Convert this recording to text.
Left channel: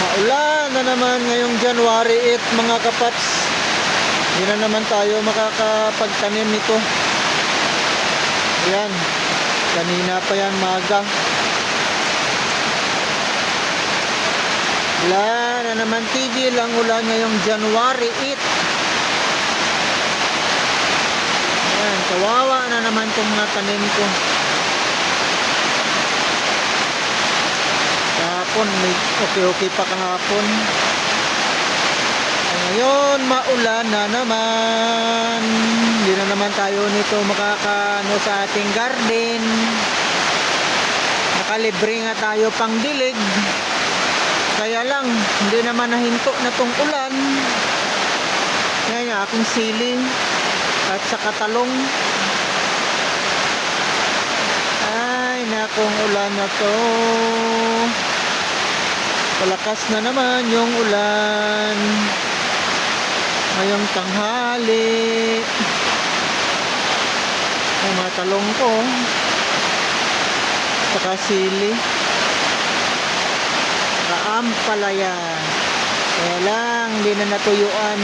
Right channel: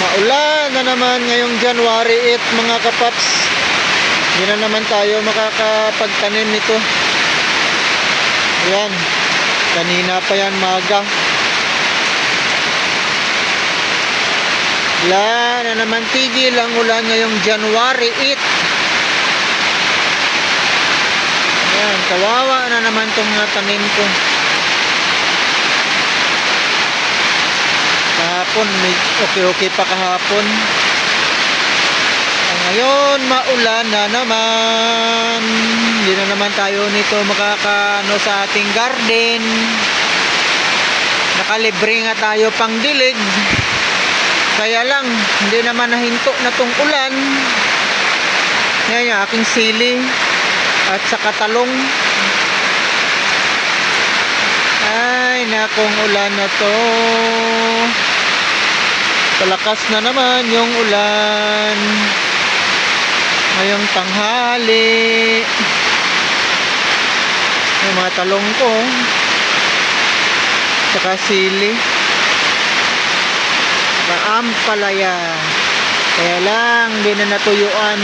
Maulan na naman ngayong January 8 mga kapaps. Hindi na naman tayo makakapagtanim nito. Ayan, kanina pa yan maga. Wala na naman tigil ang ulan ngayong January 8. Ayan, kawawa na naman itong mga tanim ko. Kahapon, may okay pa kahapon. Ngayon, maulan na naman. Hindi na naman tayo nito makakano sa ating garden. Nakalibre nga tayo pang dilig. Kaya lang, hindi naman nahinto na tong ulan. Ngayon yung aking sili at saka talong. Ay, nakong ulan na to. Palakas na naman yung ulan ngayong tanghali. Yung mga talong ko saka sili saka ampalaya, kaya lang hindi na natuyuan.